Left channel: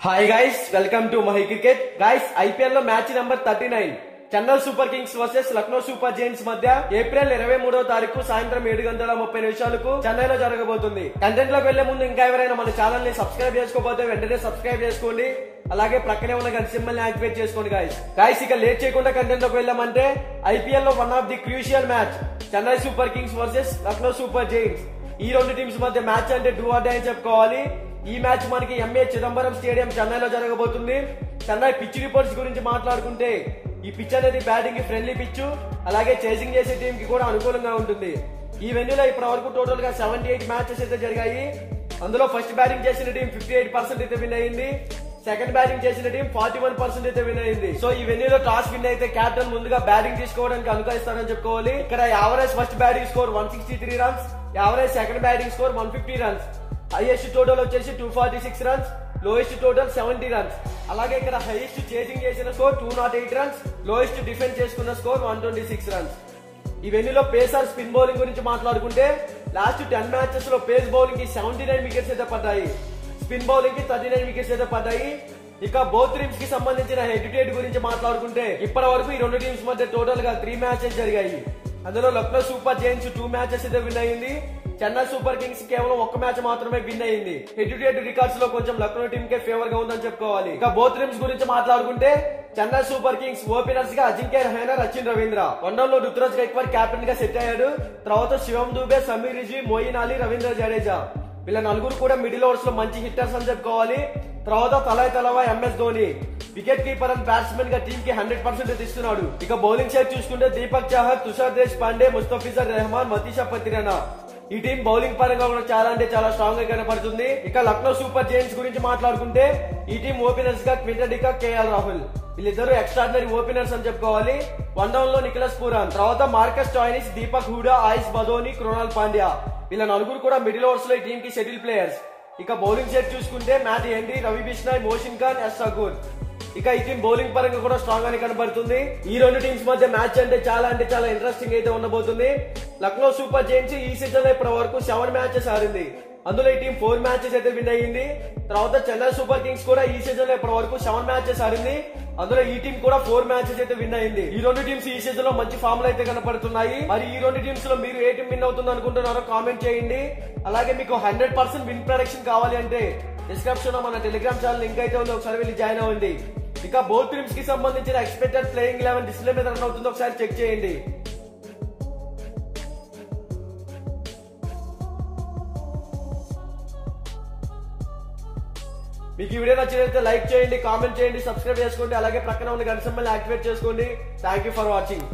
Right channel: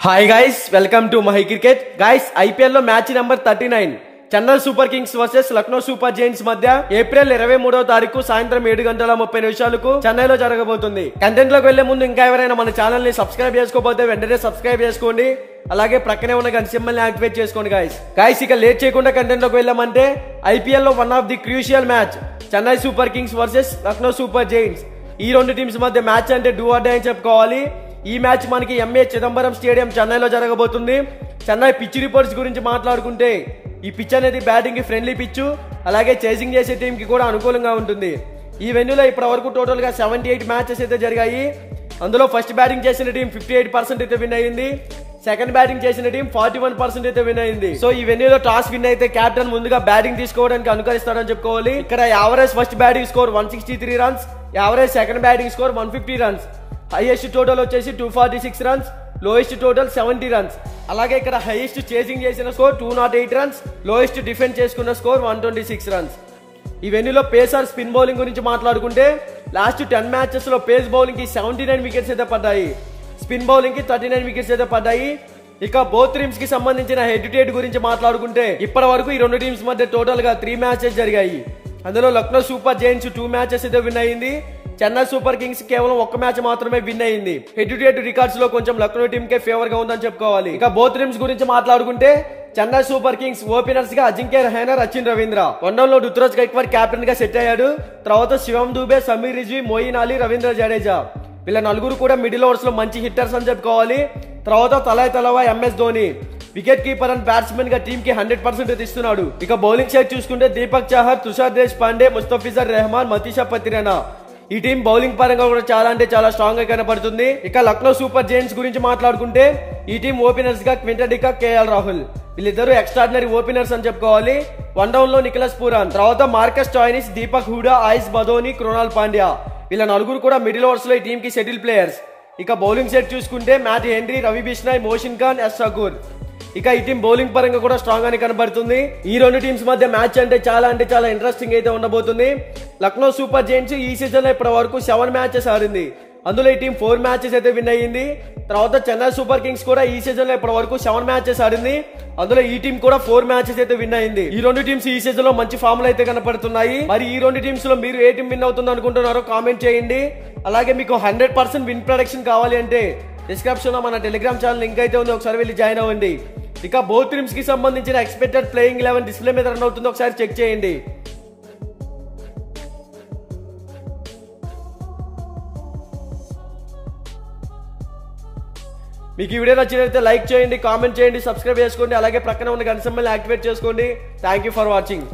Hi guys, welcome to Mahi cricket. Guys, IPL లో match number 39 Chennai Super Kings versus Lucknow Super Giants మధ్య April 23వ తారీఖు సాయంత్రం 7:30 చెన్నైలో జరగబోతుంది. కంటెంట్ లోకి వెళ్లే ముందు ఇంకా ఎవరైనా మన ఛానల్ ని సబ్స్క్రైబ్ చేసుకోకపోతే వెంటనే సబ్స్క్రైబ్ చేసుకోండి. అలాగే ప్రక్కనే ఉన్న గంట సింబల్ ని యాక్టివేట్ చేసుకోండి. గైస్ ఇక లేట్ చేయకుండా కంటెంట్ లోకి వెళ్ళామంటే ఐపీఎల్ లో one of the crucial match Chennai Super Kings versus Lucknow Super Giants. ఈ రెండు టీమ్స్ మధ్య మ్యాచ్ అంటే డూ ఆర్ డై అని చెప్పుకోవాలి. ఈ మ్యాచ్ మనకి ఎంఏ చిదంబరం స్టేడియం చెన్నైలో జరగబోతుంది. చెన్నై పిచ్ రిపోర్ట్స్ గురించి మాట్లాడుకుంటే ఈ పిచ్ అనేది బ్యాటింగ్ కి ఫ్రెండ్లీ పిచ్, అలాగే చేసింగ్ చేసే టీం కి కూడా అనుకూలంగా ఉంటుంది. ఈ వెన్యూలో ఇప్పటి వరకు టోటల్ గా 78 మ్యాచెస్ అయితే జరిగాయి. అందులో ఫస్ట్ బ్యాటింగ్ చేసిన టీం 58% అయితే విన్ అయింది. సెకండ్ బ్యాటింగ్ చేసిన టీం 41% అయితే విన్ అయింది. సో ఈ వెన్యూలో టాస్ విన్ అయితే కెప్టెన్ ముందుగా బ్యాటింగ్ తీసుకోవడానికి అనుకరిస్తాడని చెప్పుకోవాలి. ఇక్కడ average first batting score 163 runs, average second batting score 150 runs, highest total వచ్చేసి 246 రన్స్, లోయెస్ట్ టోటల్ 70 రన్స్. అలాగే ఇక్కడ హైయెస్ట్ చేసింగ్ చేసిన స్కోర్ 208 రన్స్, లోయెస్ట్ డిఫెండ్ చేసుకున్న స్కోర్ 126 రన్స్. ఈ వెన్యూలో పేసర్ స్పిన్ బౌలింగ్ గురించి మాట్లాడుకుంటే లాస్ట్ 10 మ్యాచెస్ లో పేస్ బౌలింగ్ కి 79 వికెట్స్ అయితే పడ్డాయి, స్పిన్ బౌలింగ్ కి 39 వికెట్స్ అయితే పడ్డాయి. ఇక బోత్ టీమ్స్ కి సంబంధించిన హెడ్ టు హెడ్ గురించి మాట్లాడుకుంటే ఇప్పటి వరకు ఈ రెండు టీమ్స్ మధ్య టోటల్ గా 3 మ్యాచెస్ జరిగాయి. అందులో లక్నో సూపర్ జైంట్స్ 2 మ్యాచెస్ అయితే విన్ అయింది. చెన్నై సూపర్ కింగ్స్ కేవలం 1 మ్యాచ్ మాత్రమే విన్ అయింది. హెడ్ టు హెడ్ రికార్డ్స్ లో కొంచెం లక్నో టీమ్ కే ఫేవర్ గా ఉందని చెప్పుకోవాలి. ఇక బోత్ టీమ్స్ గురించి మాట్లాడుకుంటే చెన్నై సూపర్ కింగ్స్ ఓపెనర్స్ గా అజింక్య రహానె, సచిన్ రవీంద్ర, వన్డౌన్ లో రుతురాజ్ గైక్వాడ్ కెప్టెన్ గా సెట్ అయ్యాడు. తర్వాత శివం దూబే, సమీర్ రిజ్వీ, మోయిన్ అలీ, రవీంద్ర జడేజా, వీళ్ళ నలుగురు కూడా మిడిల్ ఓవర్స్ లో మంచి హిట్టర్స్ అని చెప్పుకోవాలి. తర్వాత తలాయ్ తలవా, MS Dhoni wicket keeper and batsman గా టీమ్ కి 100% ఇస్తున్నాడు. ఇక బౌలింగ్ సైడ్ చూసుకుంటే దీపక్ చాహర్, తుషార్ దేశ్ పాండే, ముస్తఫిజర్ రెహమాన్, మతీషా పత్రినా, ఈ టీం బౌలింగ్ పరంగా కూడా చాలా అంటే చాలా స్ట్రాంగ్ గా కనపడుతుంది. ఇక లక్నో సూపర్ జైంట్స్ గురించి మాట్లాడుకుంటే ఈ టీం ఓపెనర్స్ గా క్వింటన్ డికాక్, కేఎల్ రాహుల్, వీళ్ళిద్దరు ఎక్స్ట్రాడినరీ ఓపెనర్స్ అని చెప్పుకోవాలి. వన్ డౌన్ లో నిఖిలస్ పూరన్, తర్వాత మార్కస్ స్టాయినిస్, దీపక్ హూడా, ఆయుష్ బదోని, కృణాల్ పాండ్యా, వీళ్ళ నలుగురు కూడా మిడిల్ ఓవర్స్ లో ఈ టీం కి సెటిల్ ప్లేయర్స్. ఇక బౌలింగ్ సెట్ చూసుకుంటే Matt Henry, Ravi Bishnoi, Mohsin Khan, S Thakur. ఇక ఈ టీం బౌలింగ్ పరంగా కూడా స్ట్రాంగ్ గానే కనబడుతుంది. ఈ రెండు టీమ్స్ మధ్య మ్యాచ్ అంటే చాలా ఇంట్రెస్టింగ్ అయితే ఉండబోతుంది. లక్నో సూపర్ జైంట్స్ ఈ సీజన్ లో ఇప్పటి వరకు 7 మ్యాచెస్ ఆడింది. అందులో ఈ టీం 4 మ్యాచెస్ అయితే విన్ అయ్యింది. తర్వాత చెన్నై సూపర్ కింగ్స్ కూడా ఈ సీజన్ లో ఇప్పటి వరకు 7 మ్యాచెస్ ఆడింది. అందులో ఈ టీం కూడా 4 మ్యాచెస్ అయితే విన్ అయింది. ఈ రెండు టీమ్స్ ఈ సీజన్ లో మంచి ఫామ్ లో అయితే కనపడుతున్నాయి. మరి ఈ రెండు టీమ్స్ లో మీరు ఏ టీం విన్ అవుతుంది అనుకుంటున్నారో కామెంట్ చేయండి. అలాగే మీకు 100% విన్ ప్రొడక్షన్ కావాలి అంటే డిస్క్రిప్షన్ లో మన టెలిగ్రామ్ ఛానల్ లింక్ అయితే ఉంది, ఒకసారి వెళ్ళి జాయిన్ అవ్వండి. ఇక బోత్ టీమ్స్ కి సంబంధించిన ఎక్స్పెక్టెడ్ ప్లేయింగ్ 11 డిస్ప్లే మీద రన్ అవుతుందో ఒకసారి చెక్ చేయండి. మీకు ఈ వీడియో నచ్చినట్లయితే లైక్ చేయండి, కామెంట్ చేయండి, సబ్స్క్రైబ్ చేసుకోండి. అలాగే ప్రక్కన ఉన్న గంట సింబల్ యాక్టివేట్ చేసుకోండి. Thank you for watching.